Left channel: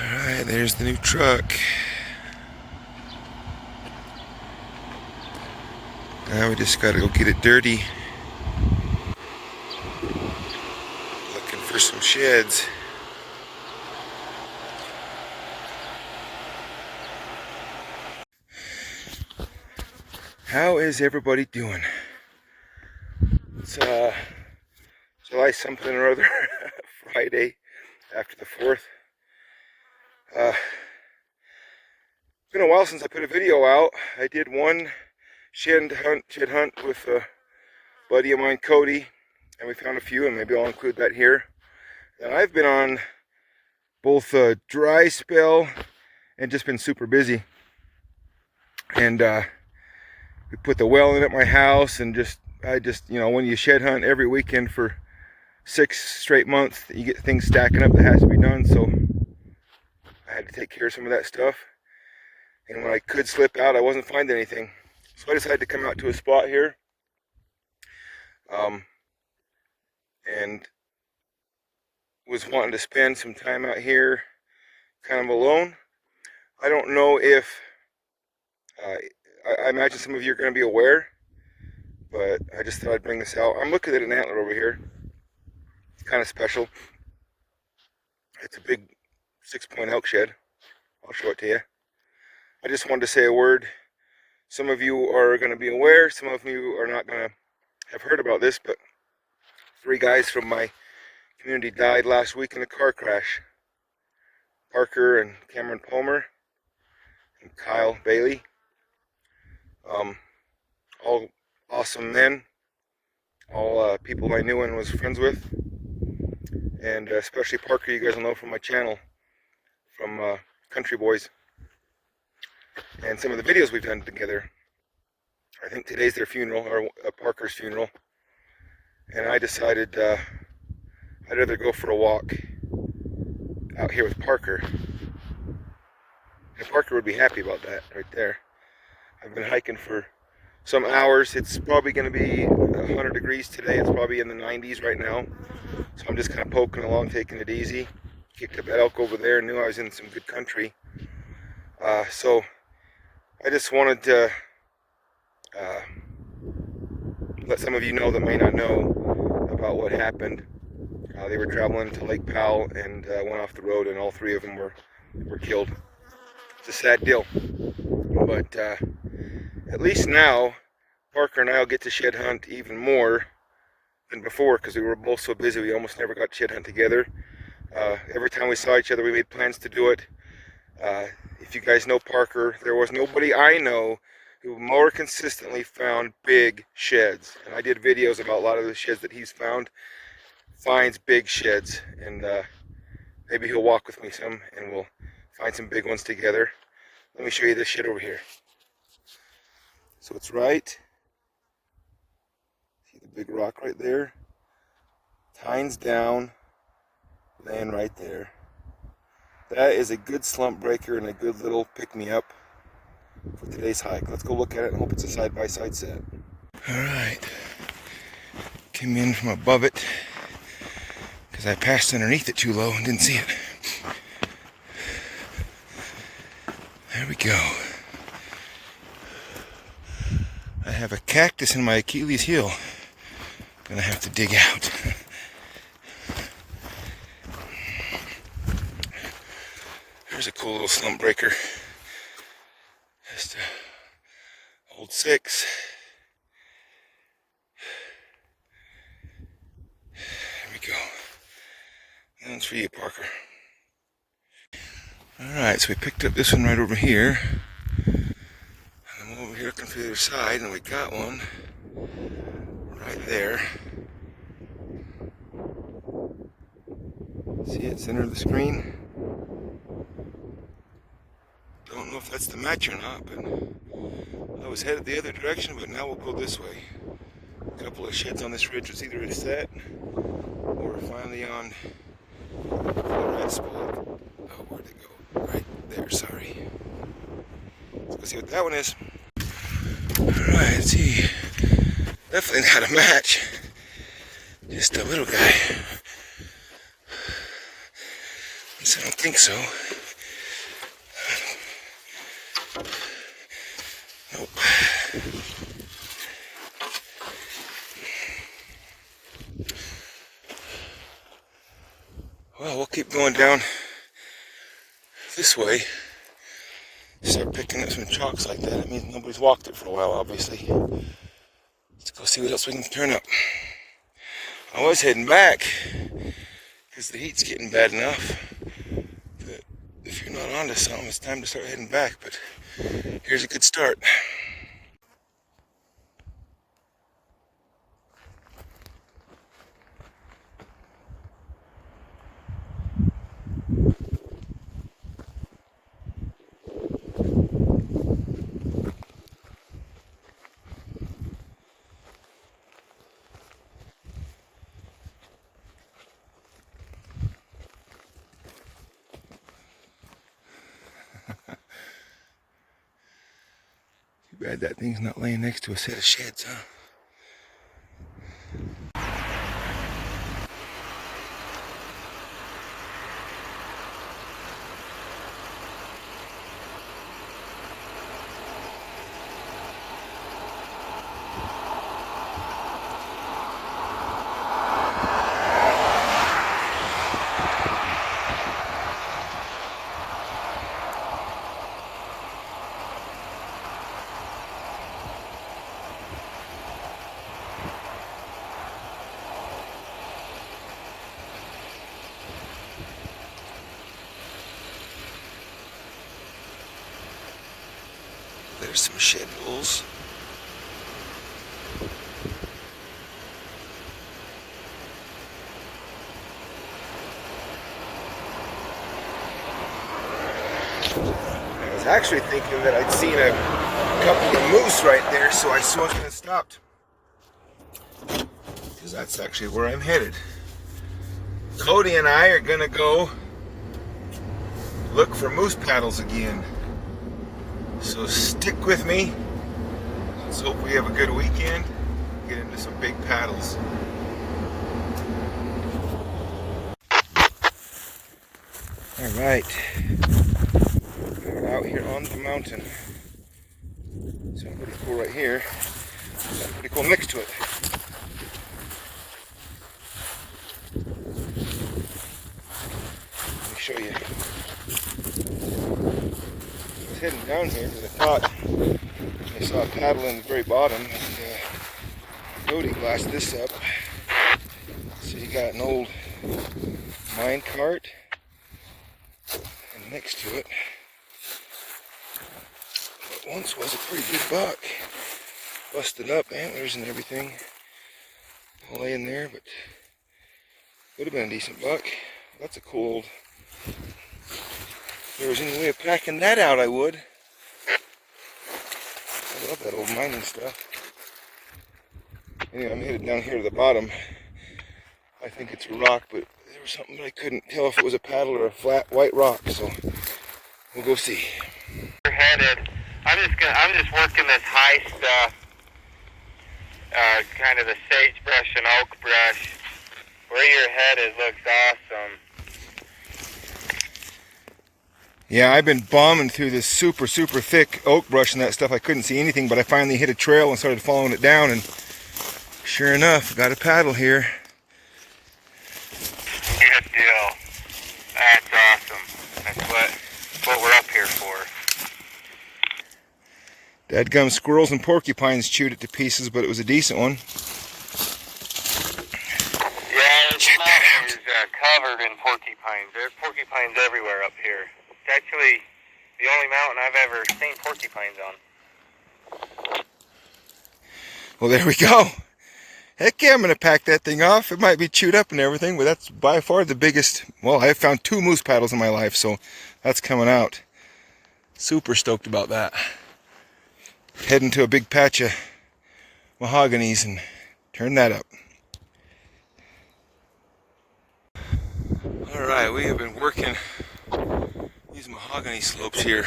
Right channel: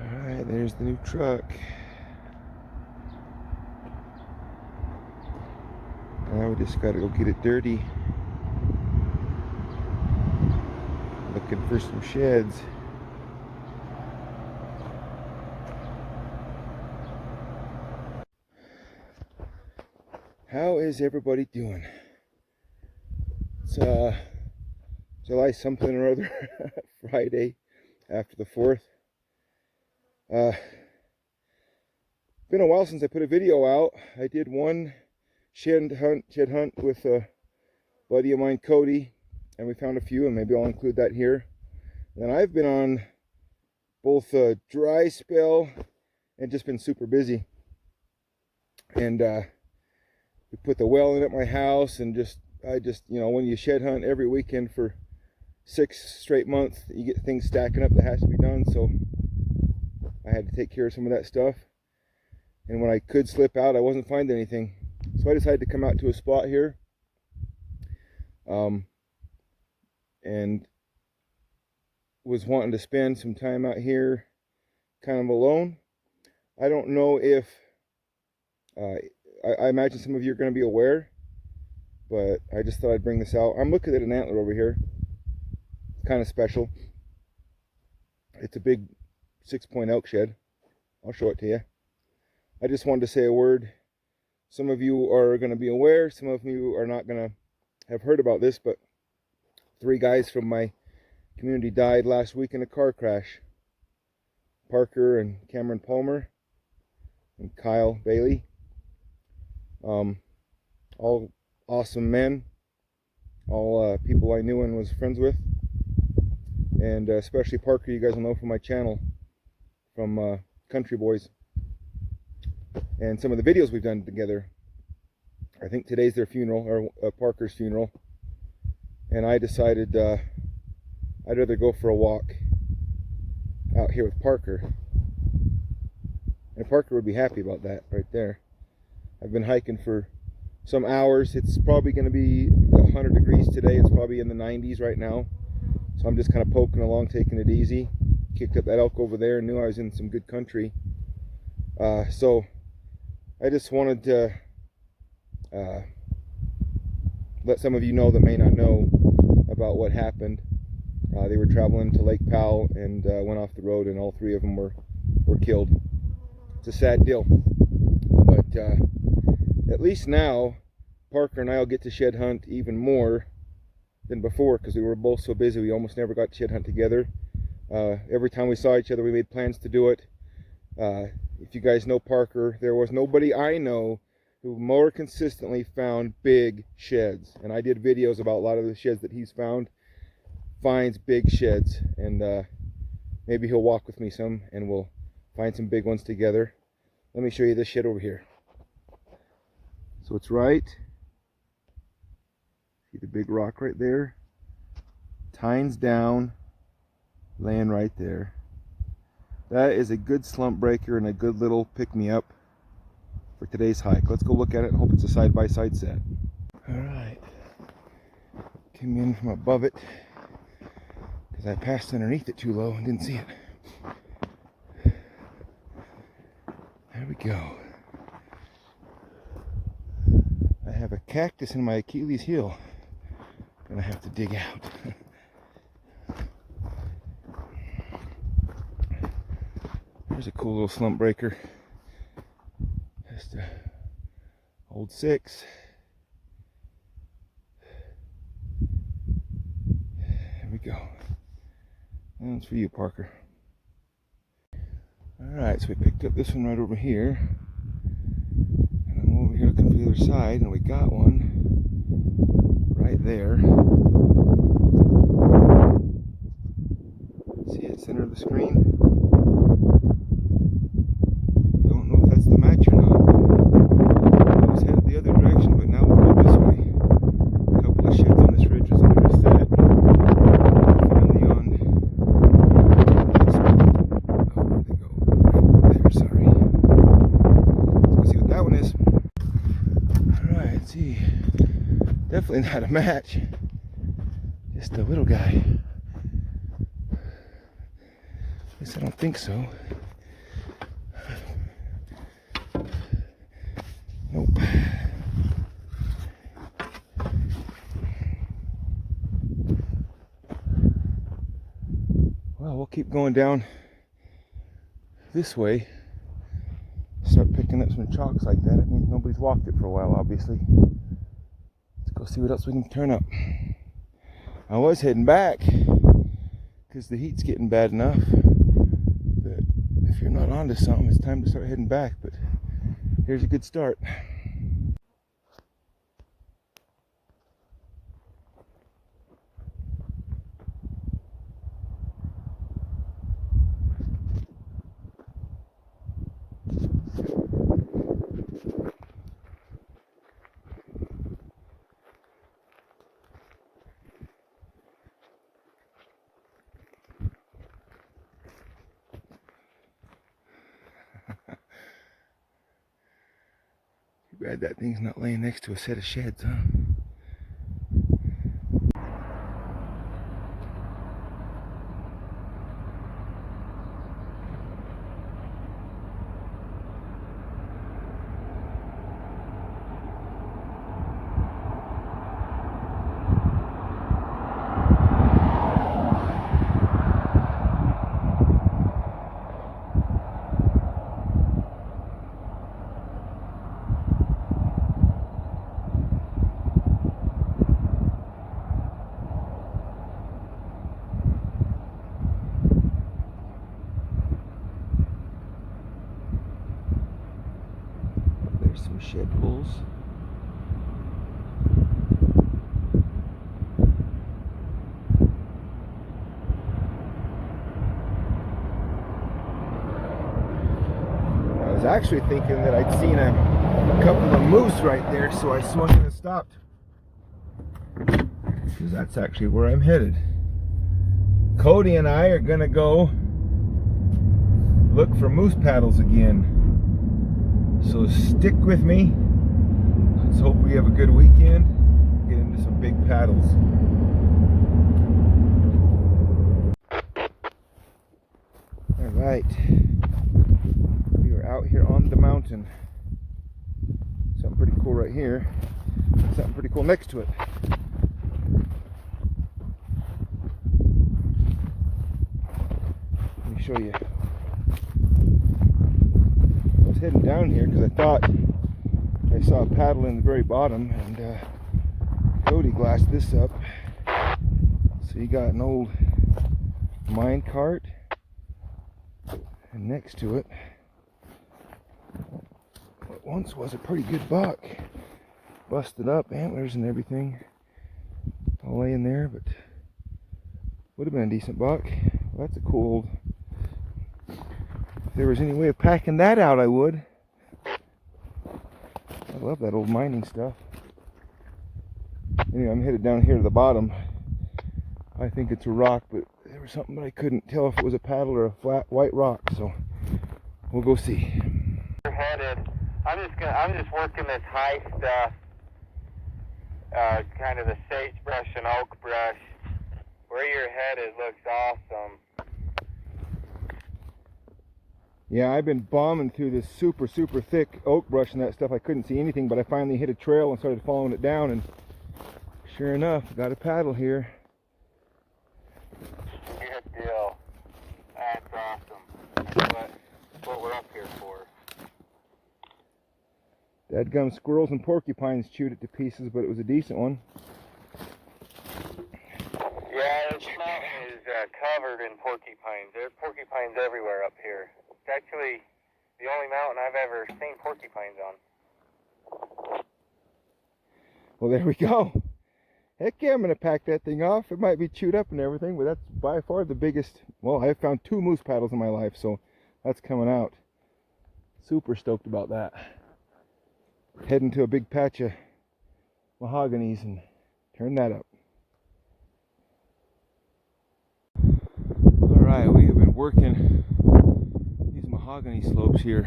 Alright, there's the new truck. Now we just gotta go get it dirty. Looking for some sheds. How is everybody doing? It's July something or other, Friday after the 4th. Been a while since I put a video out. I did one shed hunt with a buddy of mine, Cody, and we found a few, and maybe I'll include that here. And I've been on both a dry spell and just been super busy. And we put the well in at my house, and I just, you know, when you shed hunt every weekend for 6 straight months, you get things stacking up that has to be done. So I had to take care of some of that stuff. And when I could slip out, I wasn't finding anything. So I decided to come out to a spot here. And was wanting to spend some time out here kind of alone. I don't know if, I imagine some of you are going to be aware, but I just thought I'd bring this out. I'm looking at an antler over here. It's kind of special. It's a big 6-point elk shed. I'll show it to you. I just wanted to say a word. Some of you are going to be aware, some of you are not going to have heard about this, but 3 guys from my community died last week in a car crash. Parker and Cameron Palmer and Kyle Bailey. All awesome men. All people I knew and was friends with. And especially Parker, you guys will know from my channel, from Country Boys. And some of the videos we've done together. I think today's their funeral, or Parker's funeral. And I decided I'd rather go for a walk out here with Parker. And Parker would be happy about that right there. I've been hiking for some hours. It's probably going to be 100 degrees today. It's probably in the 90s right now. So I'm just kind of poking along, taking it easy. Kicked up that elk over there, knew I was in some good country. So I just wanted to let some of you know that may not know about what happened. They were traveling to Lake Powell and went off the road, and all 3 of them were killed. It's a sad deal, but at least now Parker and I will get to shed hunt even more than before, because we were both so busy we almost never got to shed hunt together. Every time we saw each other we made plans to do it. If you guys know Parker, there was nobody I know who more consistently found big sheds. And I did videos about a lot of the sheds that he's found. Finds big sheds. And maybe he'll walk with me some and we'll find some big ones together. Let me show you this shed over here. So it's right. See the big rock right there? Tines down, laying right there. That is a good slump breaker and a good little pick-me-up for today's hike. Let's go look at it and hope it's a side-by-side set. Alright. Came in from above it because I passed underneath it too low and didn't see it. There we go. I have a cactus in my Achilles heel. Gonna have to dig out. There's a cool little slump breaker. Just a old 6. There we go. And that's for you, Parker. Alright, so we picked up this one right over here. And I'm over here looking for the other side, and we got one right there. See it, center of the screen? Don't know if that's the match or not, but I was headed the other direction, but now we'll go this way. A couple of sheds on this ridge, we'll see the ridge set. We're finally on the right spot. Oh, where'd it go? Right there, sorry. Let's go see what that one is. Alright, let's see. Definitely not a match. Just a little guy. At least I don't think so. Well, we'll keep going down this way. Start picking up some chalks like that. It means nobody's walked it for a while, obviously. Let's go see what else we can turn up. I was heading back because the heat's getting bad enough that if you're not onto something, it's time to start heading back. But here's a good start. Too bad that thing's not laying next to a set of sheds, huh? There's some shed bulls. I was actually thinking that I'd seen a couple of moose right there, so I swung and stopped. Because that's actually where I'm headed. Cody and I are gonna go look for moose paddles again. So stick with me. Let's hope we have a good weekend. Get into some big paddles. All right, we're out here on the mountain. Something pretty cool right here. Something pretty cool next to it. Let me show you. I was heading down here because I thought I saw a paddle in the very bottom, and Cody glassed this up. So you got an old mine cart, and next to it, what once was a pretty good buck. Busted up, antlers and everything all laying there, but would have been a decent buck. Well, that's a cool old. If there was any way of packing that out, I would. I love that old mining stuff. Anyway, I'm headed down here to the bottom. I think it's a rock, but there was something that I couldn't tell if it was a paddle or a flat white rock, so we'll go see. We're headed. I'm just working this high stuff, kind of the sagebrush and oak brush. Where you're headed looks awesome. Yeah, I've been bombing through this super thick oak brush and that stuff. I couldn't see anything, but I finally hit a trail and started following it down, and sure enough, got a paddle here. Good deal. That's awesome. That's what we're up here for. Dadgum squirrels and porcupines chewed it to pieces, but it was a decent one. Yeah, this mountain is covered in porcupines. There's porcupines everywhere up here. It's actually the only mountain I've ever seen porcupines on. Well, there we go. Heck yeah, I'm going to pack that thing off. It might be chewed up and everything, but that's by far the biggest. Well, I've found 2 moose paddles in my life, so that's coming out. Super stoked about that. Heading to a big patch of mahoganies and turn that up. All right, we have been working these mahogany slopes here,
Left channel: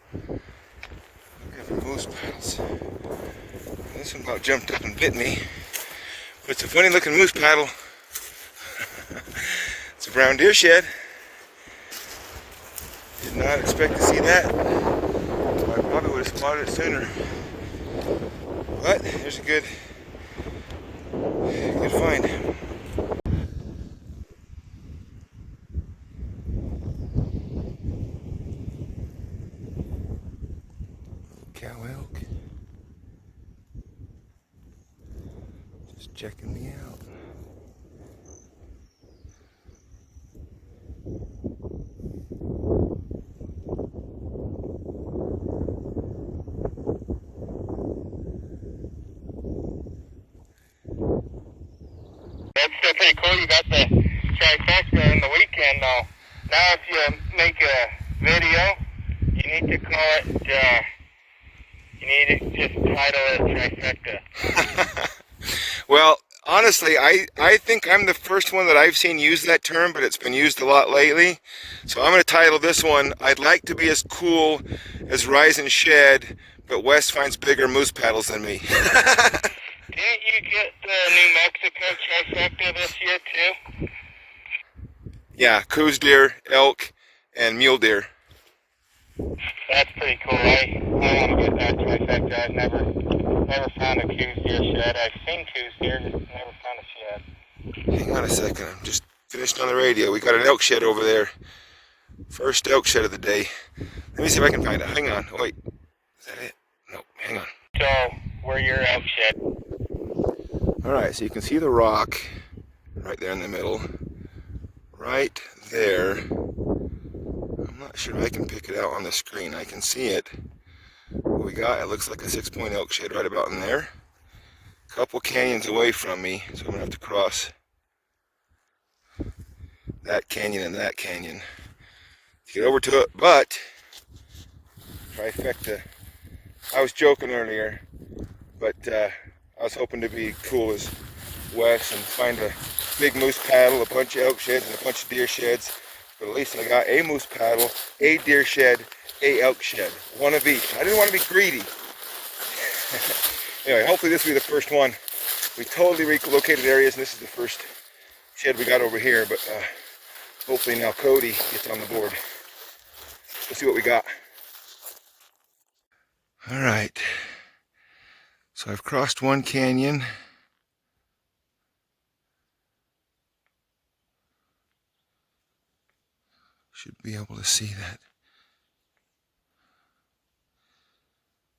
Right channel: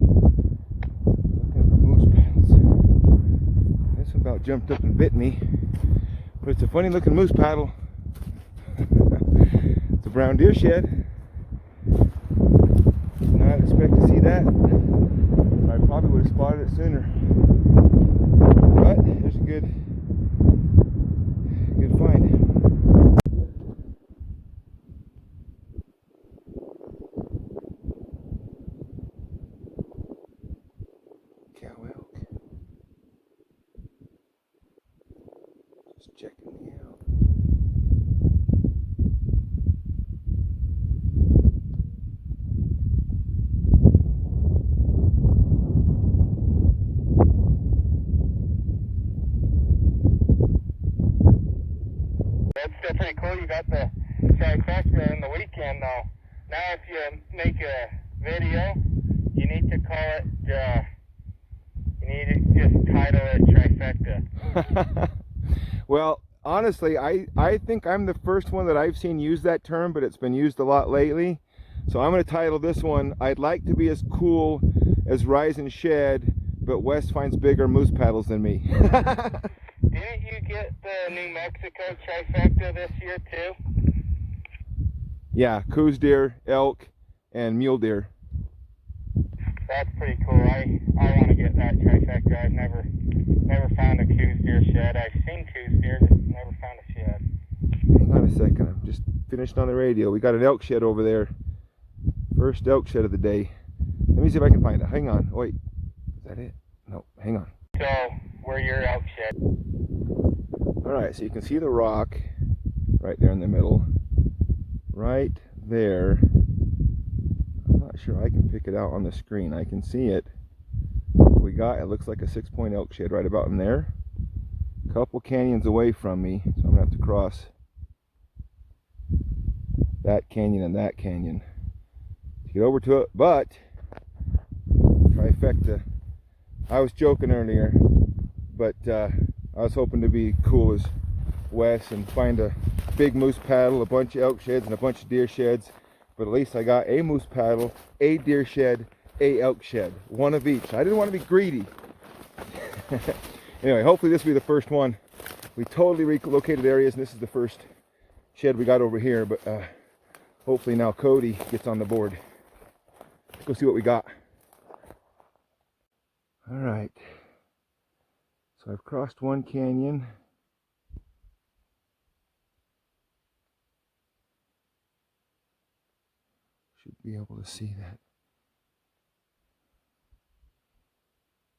looking for moose paddles. This one about jumped up and bit me, but it's a funny looking moose paddle. It's a brown deer shed. Did not expect to see that. I probably would have spotted it sooner. But here's a good find. checking me out. That's still pretty cool. You got the trifecta in the weekend, though. Now, if you make a video, you need to call it, you need to just title it trifecta. Well, honestly, I think I'm the first one that I've seen use that term, but it's been used a lot lately. So I'm going to title this one, I'd like to be as cool as Rise and Shed, but Wes finds bigger moose paddles than me. Didn't you get the New Mexico trifecta this year, too? Yeah, coos deer, elk, and mule deer. That's pretty cool. I want to get that trifecta. I've never found a coos deer shed. I've seen coos deer, just never found a shed. Hang on a second, I'm just finished on the radio. We got an elk shed over there. First elk shed of the day. Let me see if I can find it. Hang on. Oh, wait. Is that it? No, hang on. So, where your elk shed? Alright, so you can see the rock right there in the middle. Right there. I'm not sure I can pick it out on the screen. I can see it. What we got, it looks like a 6-point elk shed right about in there. A couple canyons away from me, so I'm going to have to cross that canyon and that canyon to get over to it, but trifecta. I was joking earlier, but I was hoping to be cool as Wes and find a big moose paddle, a bunch of elk sheds, and a bunch of deer sheds. But at least I got a moose paddle, a deer shed, a elk shed, one of each. I didn't want to be greedy. Anyway, hopefully this will be the first one. We totally relocated areas, and this is the first shed we got over here. But hopefully now Cody gets on the board. Let's see what we got. All right. So I've crossed one canyon. Should be able to see that.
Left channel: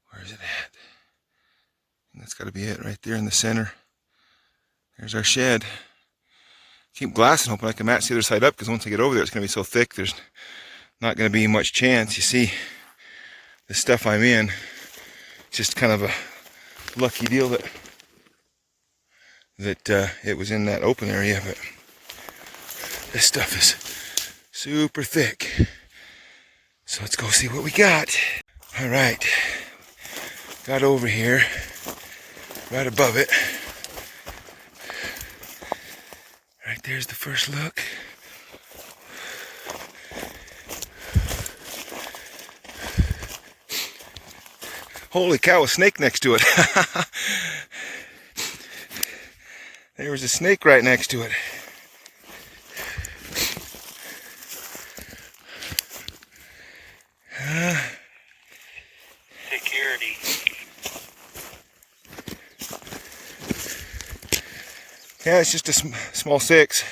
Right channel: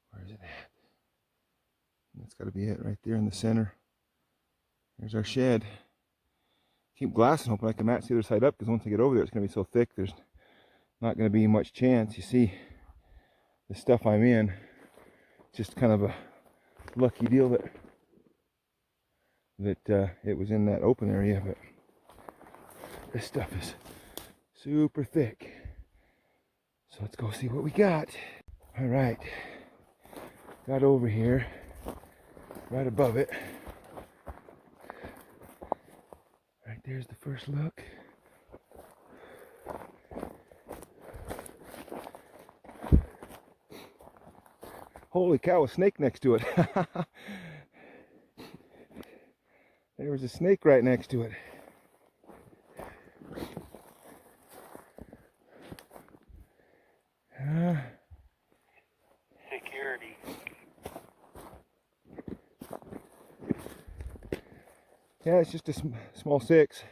Where is it at? And that's got to be it right there in the center. There's our shed. Keep glassing, hoping I can match the other side up, because once I get over there, it's going to be so thick, there's not going to be much chance. You see, the stuff I'm in, it's just kind of a lucky deal that it was in that open area, but this stuff is super thick. So let's go see what we got. All right, got over here, right above it. Right there's the first look. Holy cow, a snake next to it. There was a snake right next to it. Security. Yeah, it's just a small 6.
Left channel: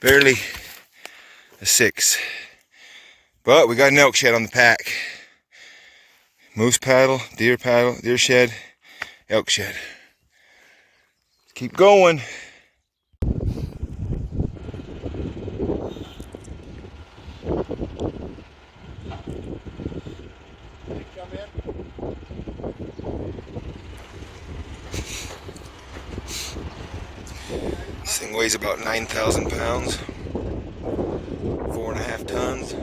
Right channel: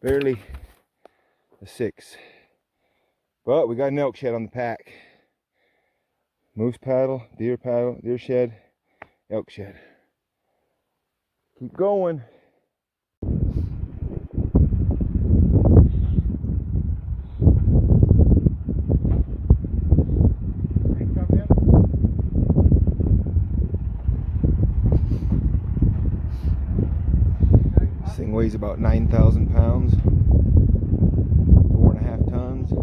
Barely a 6. But we got an elk shed on the pack. Moose paddle, deer shed, elk shed. Let's keep going. This thing weighs about 9,000 pounds, 4.5 tons.